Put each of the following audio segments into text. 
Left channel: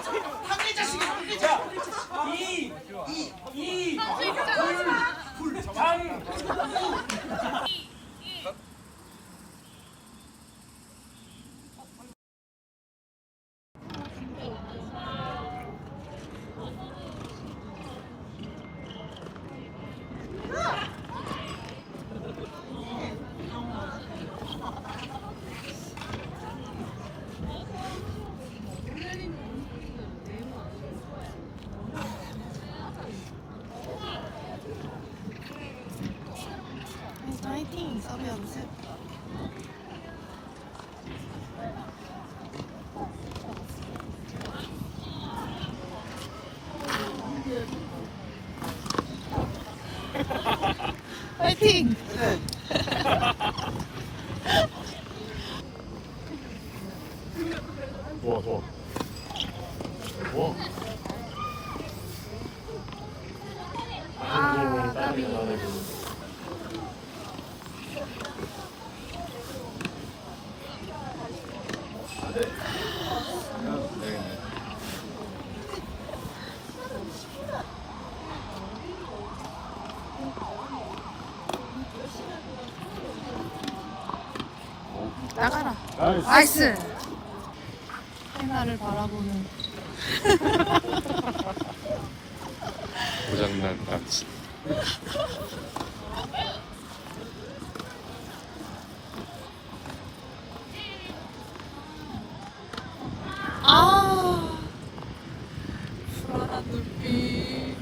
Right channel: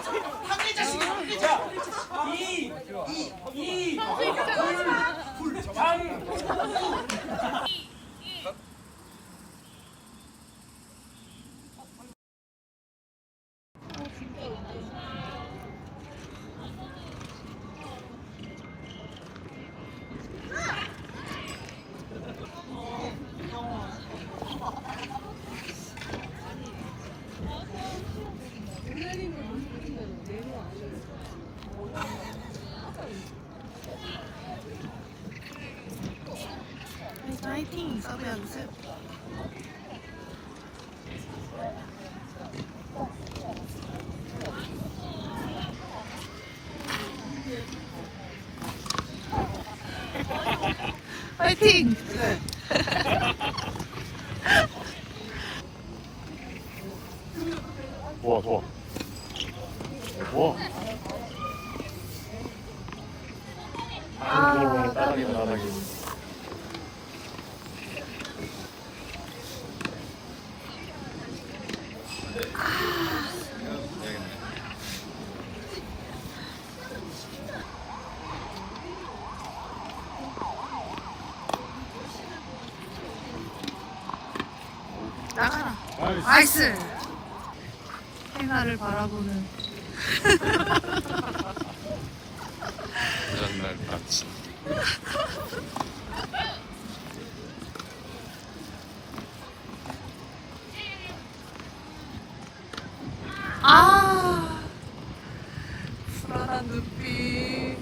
자식이 한글 자식. 이, 이, 불, 불, 장. 파이팅 서브 연습. 파이팅! 좋아 좋아 좋아 아, 까비. 나가라. 나이스. 행아를 바라보는. 고장난 같이 아. 불안한 눈빛.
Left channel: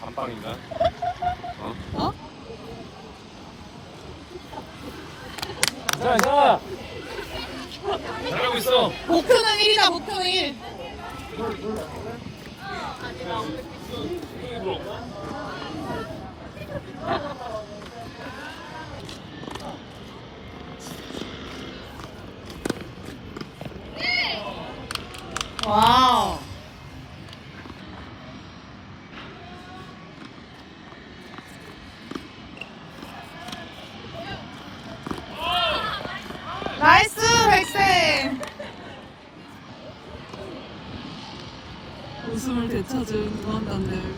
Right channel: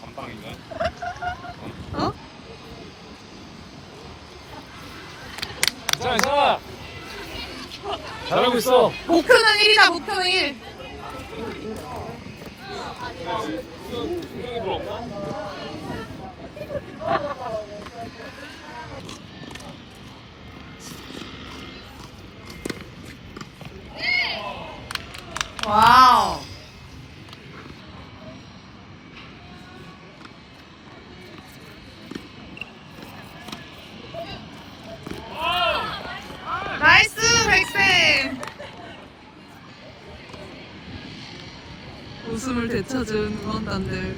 감방인가? 어? 자, 자. 잘하고 있어. 목표는 1이다, 목표는 1. 와우. 나이스, 백쌤. 웃음을 되찾은 응원단들.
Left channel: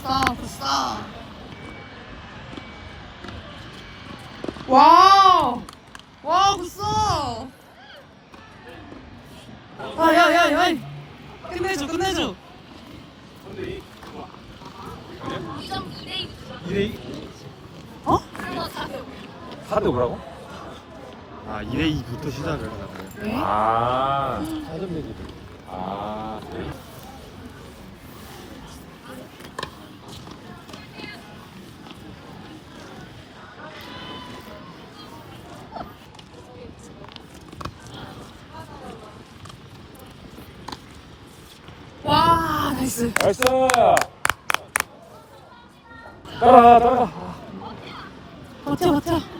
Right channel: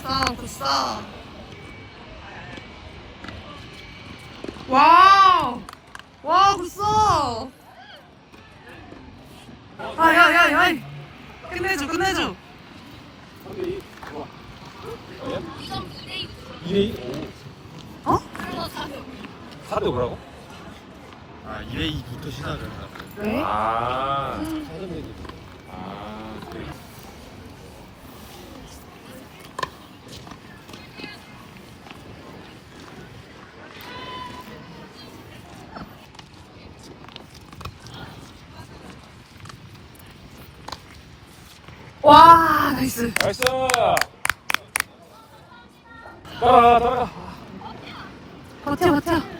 싸, 싸. 와우! 와, 굿어! 아, 야, 야, 야! 끝내줘, 끝내줘! 2대2? 어? 4대 5라고? 아, 2대 2부터 시작을 하라고. 왜? 아, 아, 그래. 와, 나이스. 나이스! 따라가, 따라가. 버텨, 버텨.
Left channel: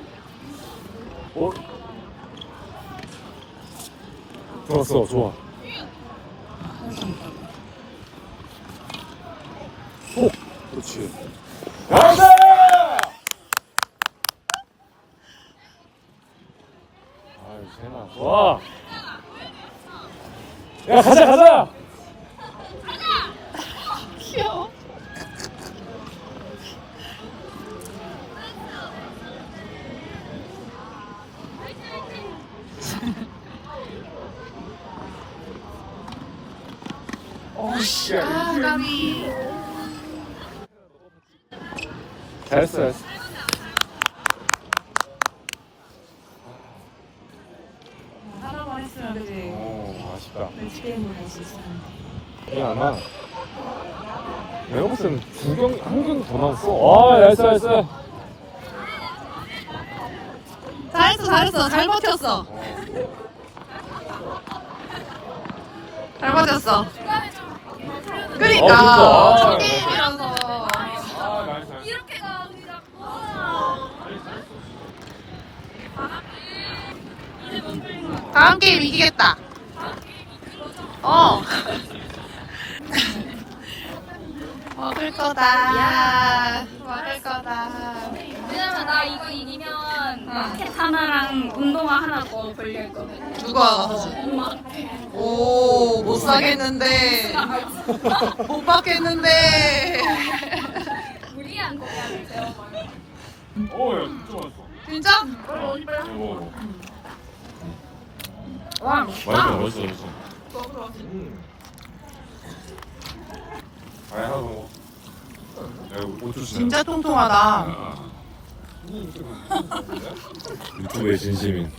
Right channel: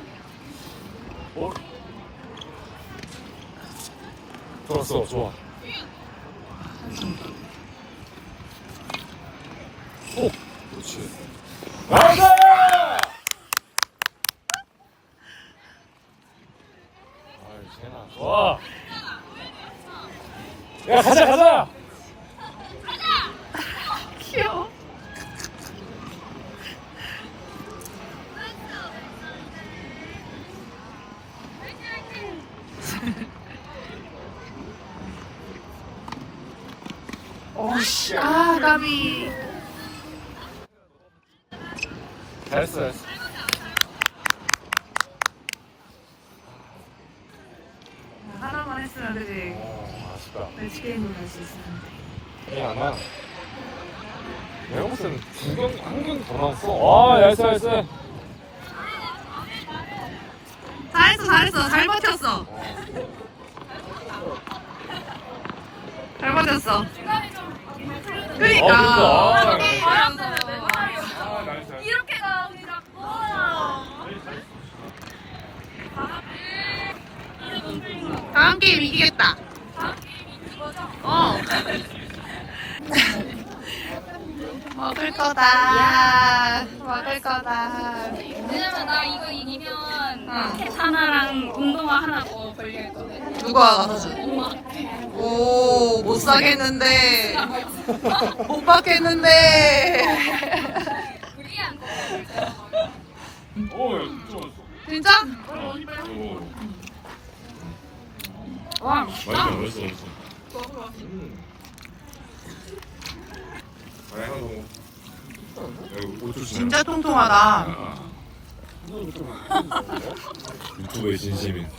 좋았어, 좋아. 오, 그렇지. 세나. 좋아. 야, 가자, 가자! 오씨, 아, 까비. 잘했어, 잘했어. 하나만 했으면 그지. 아, 아쉽다. 매치 게임을 할수 있었는데. 이거 안 나네. 내가 봤을 때는 두 경, 한 경기 더 나왔어. 아, 나이스, 나이스. 잘했어, 잘했어. 잘 버텼어. 잘 버텼어. 그러니까. 어, 첫 진짜. 게임이라서. 아, 나이스, 나이스. 이렇게 가 우리 자꾸 이제 못 풀린 거 다음 게임 이기겠다. 어. 먹을 거다. 먹을 거다. 왜냐면 나 이거 이기면 라켓 하나랑 운동화 하나 더 걸릴 거든. 누가 가서 엄마. 오, 못 사겠는데. 못 받겠는데. 우리한테 해야 돼. 어, 야, 진짜 맛있어. 진짜? 이거. 와, 맛있어, 맛있어, 맛있어. 아, 하나 더 먹어. 야, 이거 진짜 통통하다. 아. 유튜브의 진심인.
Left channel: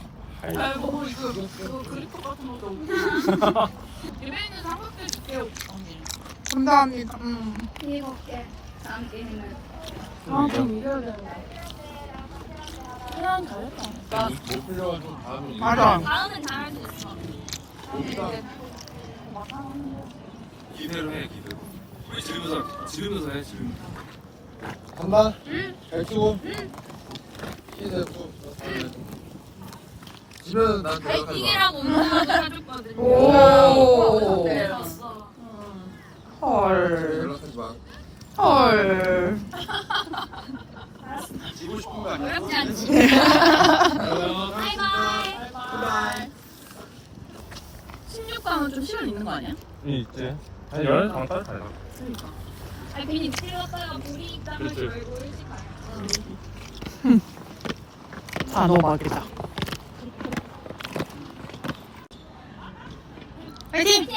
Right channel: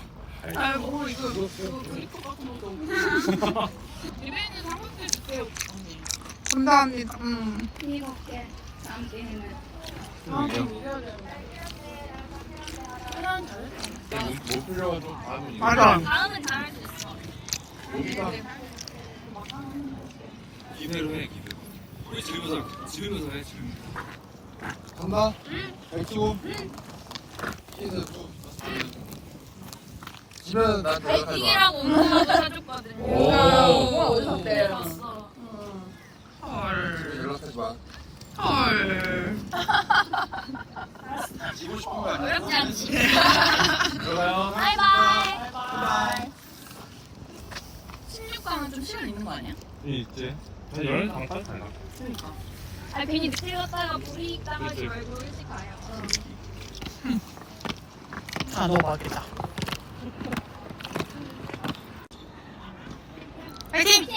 아이. 뭐 이거 이거 그리퍼 같은 것도. 유배는 삼각대 줄게요. 감사합니다. 음. 일곱 개. 다음 게임은. 못 풀려가지고 다음에 맞아. 다음은 잘할 수 있어. 기대로 해, 기대로. 우리 지르면서, 지르면서 해, 지르면서. 간다. 잘 쓰고. 시 대고. 집에 난 대답하지 마. 베이킹이라고 운동화도 사줬거든. 오. 그래 줬어. 헐. 연락하지 마. 헐. 지고 싶은 거 아니야? 어렵지 않지. 들어가요. 바이바이. 바이. 16강은 좀 시간 있는 거 아니야? 있지. 한 열흘 강까지 갈라. 그러니까. 아니 괜히 틀렸다가 불이 있다가 그치. 말고 일찍 가요. 단호박이다. 파이팅!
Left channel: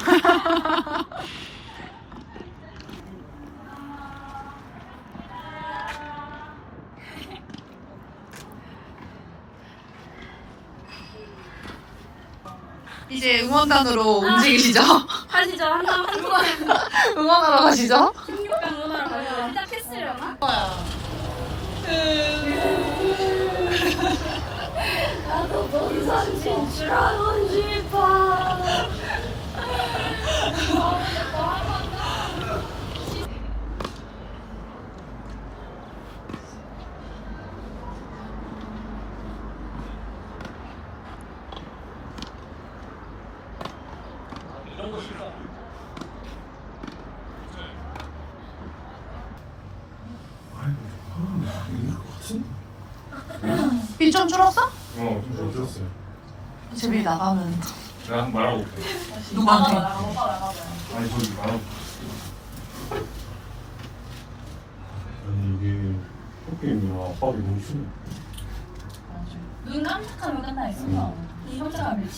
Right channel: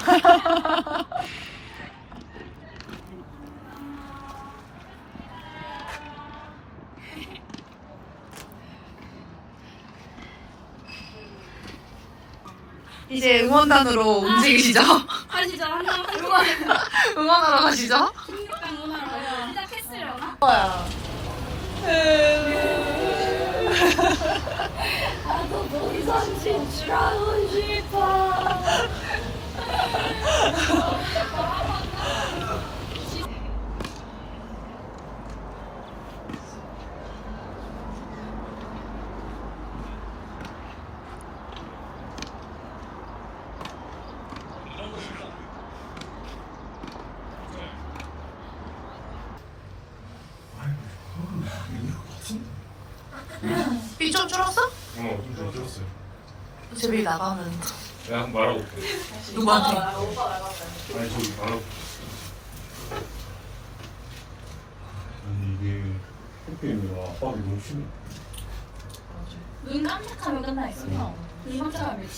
이제 응원단으로 움직이시죠? 하시죠. 한장 응원. 응원하러 가시죠? 16강 응원하러 가요. 시작했으려나? 나도 본선 진출하고 싶어. 비좀 줄었어? 어, 좀 들었어. 제비 나가는 내가 한번 말하고 올게. 누구한테? 아니, 저기 말하고. 아니, 이게 학교인가 압박이 너무 심해. 눈 깜짝하면 끝나 있어. 눈 깜짝하면.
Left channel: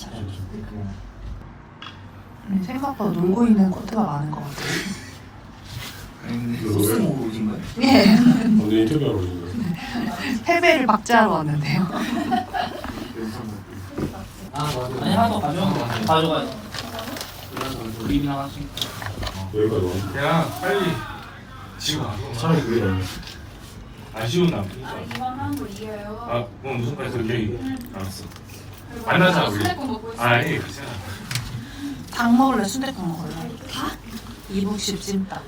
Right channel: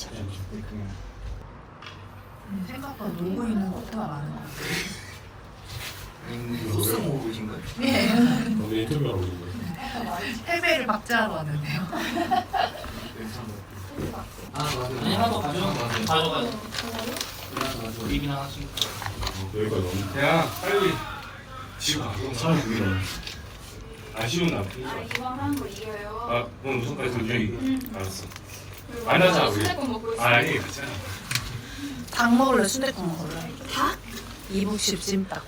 음, 생각보다 놀고 있는 코트가 많은 것 같아요. 소스 먹고 있는 거야? 예. 오늘 인터뷰하러 거야? 패배를 박제하러 왔는데요. 아니 하나 더 가져가 가져가요 그림이 하나씩 여기까지 오신 야, 빨리. 지금 가. 차라리 그게. 아쉬운 남. 아, 오늘 무슨 까지 우리 알았어. 안 하자, 우리. 아니, 괜찮아. 닭 먹을래? 순대국 먹을래? 닭? 이북식 찜닭.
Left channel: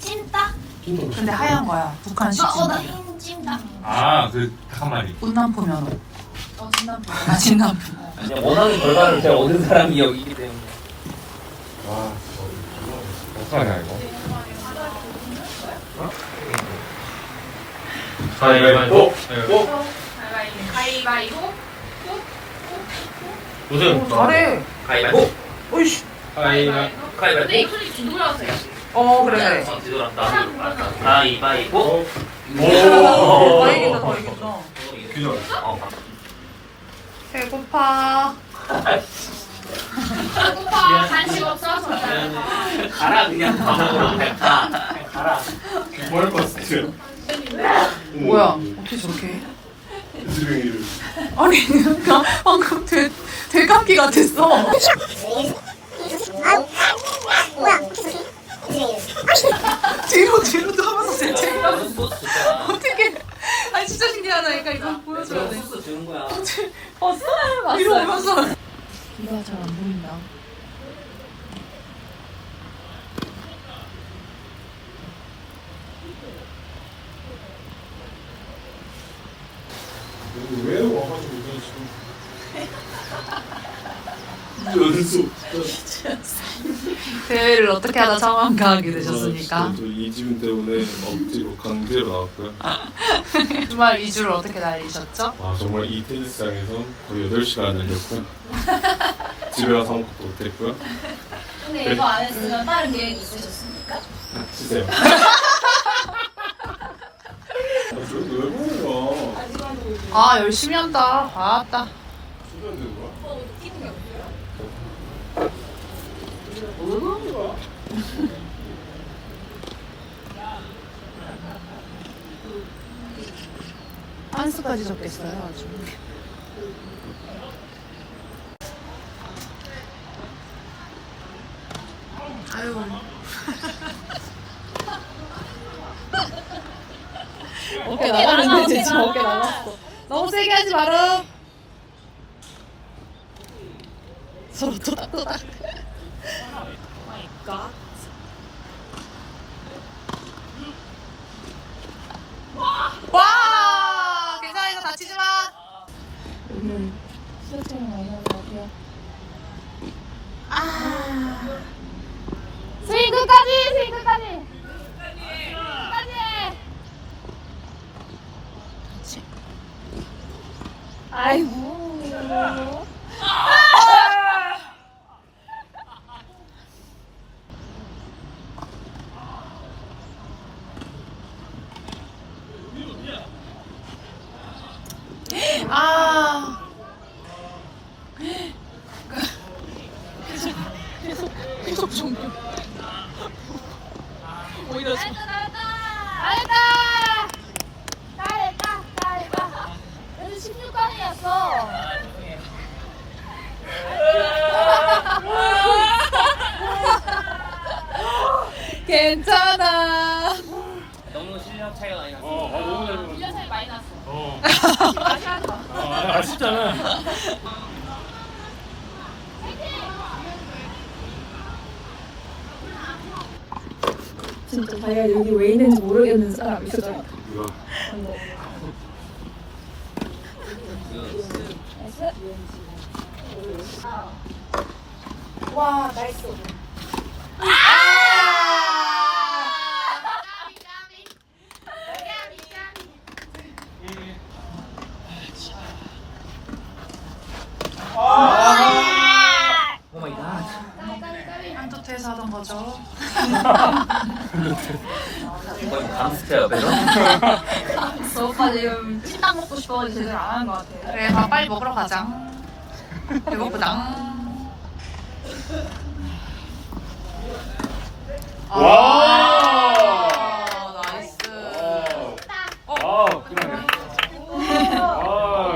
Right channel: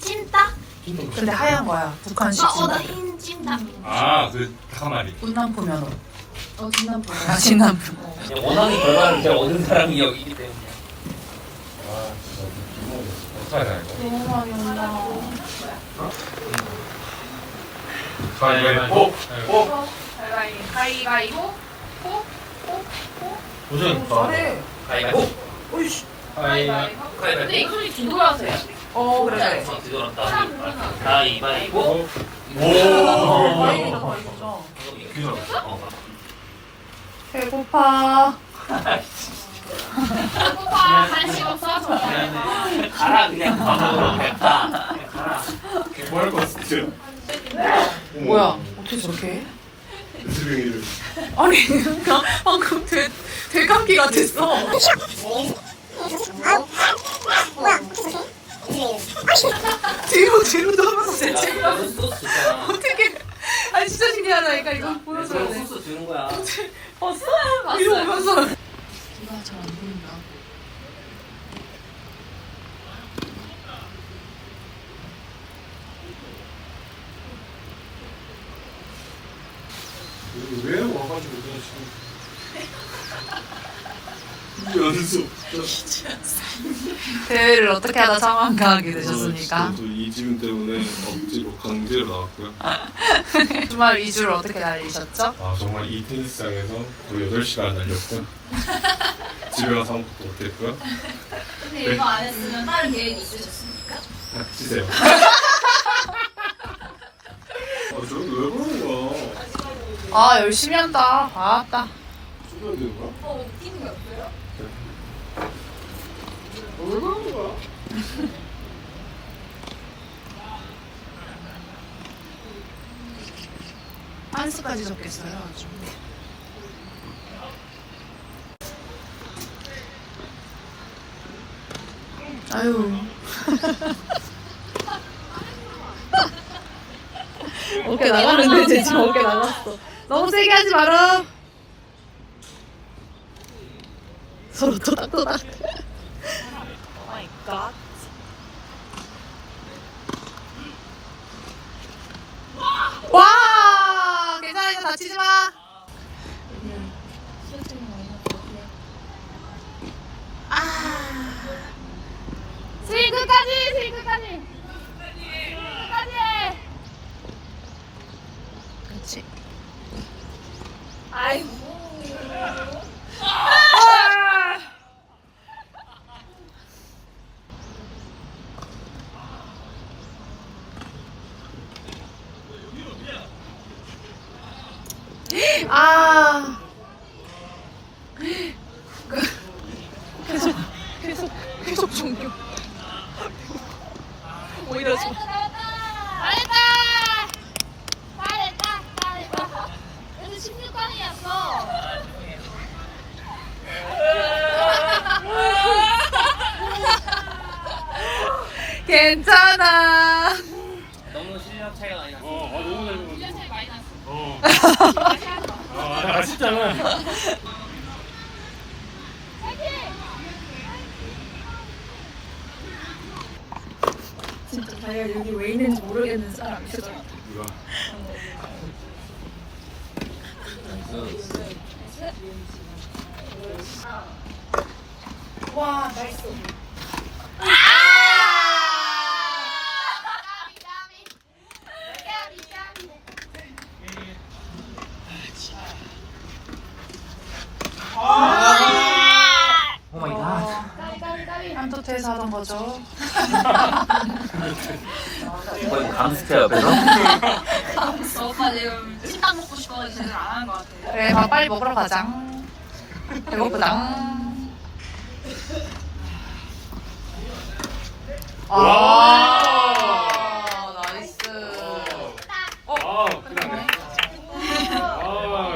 찜닭? 근데 하얀 거야. 북한식 어, 나 찜닭. 흰 찜닭. 아, 그, 닭한마리. 운남포 면허. 어, 진남포. 아, 진남포. 이제 원하는 결과를 이제 얻은 사람이 여기 어떡하냐, 이거. 가위바위보 가위바위보. 무슨 잘해. 가위바위보 오이씨. 가위바위보. 근데 가위바위보 이 소리 뒤돌아서요. 어, 그래, 그래. 어, 뒤돌았다 가위바위보 오, 더 이긴다, 더 이긴다. 기절. 어, 배고파. 오빠 간식 없어서. 가라 그냥 밥 먹으러 가라 가라 뭐할 것 같아, 지금. 뭐야? 어떻게 저렇게 해? 이름. 아니, 그러니까 방금 대, 대감기 같았어. 뒤로, 뒤로도 하면서 대체가 소스 줬잖아 어떻게. 아니, 진짜 신기하다니까, 이거 보여줘야 돼. 소스 주는 거야 봤어? 뒤로 오면서. 비가 잘안 보인다. 왜 와가지고 내가 지금 연속. 대회를 어떻게 하다 상황가하게 되셨습니까? 저 이지훈 때문에 억지로 강제로 나왔고요. 주말 2주를 어떻게 날리셨죠? 아 정말 이 테니스장에서 거의 8시간 달렸고요. 집에 가서 아무것도 못했고요. 근데 이거 안 했으면 다른 계획이 있으셨습니까? 닥치세요. 아, 저왜 그러는 거야? 아 열심히 한다 봤다 죽여야 되는 거야? 아, 왜 그러는 거야? 한 수까지 적겠어요 아주. 아유. 어깨 나가는데 지금 어깨 나갔어. 너무 세게 하지 마라. 서로 토닥토닥 마이 갓 와! 괜찮아, 이거 다치지 마! 아. 스윙 끝까지! 스윙 끝까지! 끝까지! 그렇지. 아이고. 아! 아. 계속, 계속, 계속 종교. 오히려 좀. 잘했다! 잘했다! 잘했다! 그래도 16강이었어. 괜찮아. 너무 실력 차이가 많이 났어. 어, 아, 너무 잘 먹었어. 훈련 차이 많이 났어. 어. 아, 아쉽잖아. 진짜 자기가 여기 왜 있는지 모르겠는 있어. 이거. 와, 잘했어. 오 마이 갓. 하던 거죠. 이거 강스테요, 옆에서? 저 오빠 지금 식당 먹고 싶어서 제대로 안 하는 것 같아. 그래, 밥 빨리 먹으러 가자. 배고프다. 아, 나이스. 아, 그러네. 아,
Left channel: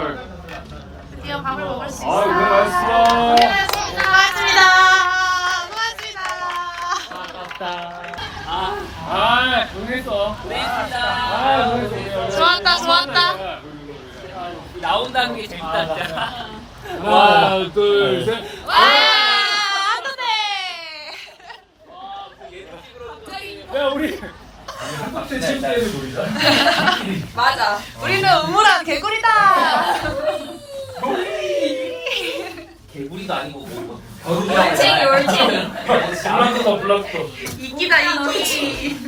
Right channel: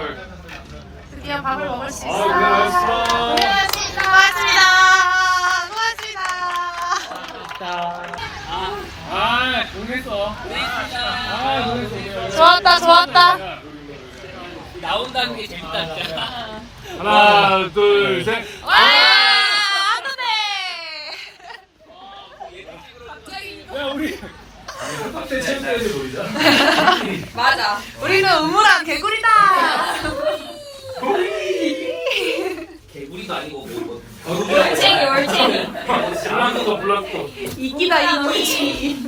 드디어 밥을 먹을 수 아, 있어. 고하셨습니다. 아, 고생했어. 고생했습니다. 아, 고생했어. 좋았다, 좋았다. 나온다는 게 재밌다, 진짜. 하나, 둘, 셋. 와, 한토트! 야, 우리. 학대 체육대회 보이자. 맞아. 우리는 우물한 개구리다. 개구리도 아니고, 뭐, 거북이라고. 블락도 블락도. 이기다, 이기지.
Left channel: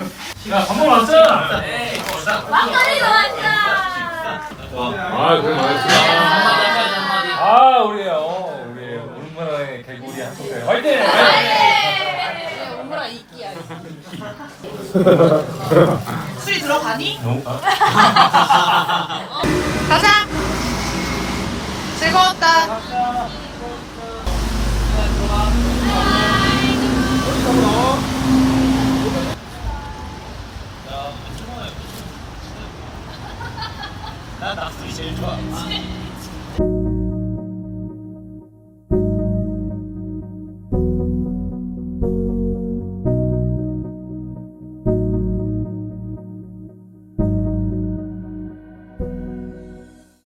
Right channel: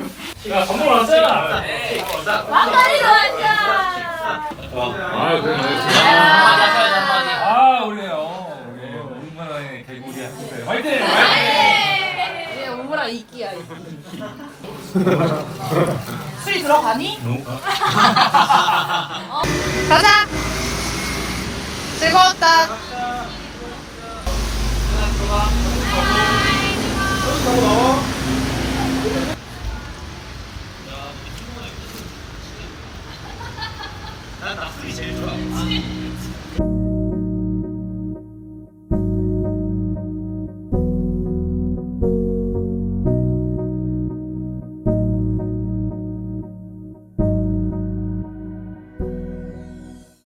야, 밥먹 왔잖아. 막걸리 좋았잖아. 아, 한마디. 아, 우리요. 우리 오랜만에 개구리 학대 화이팅! 네, 우물아 이끼야. 술이 들어가니? 가자. 즐거웠다.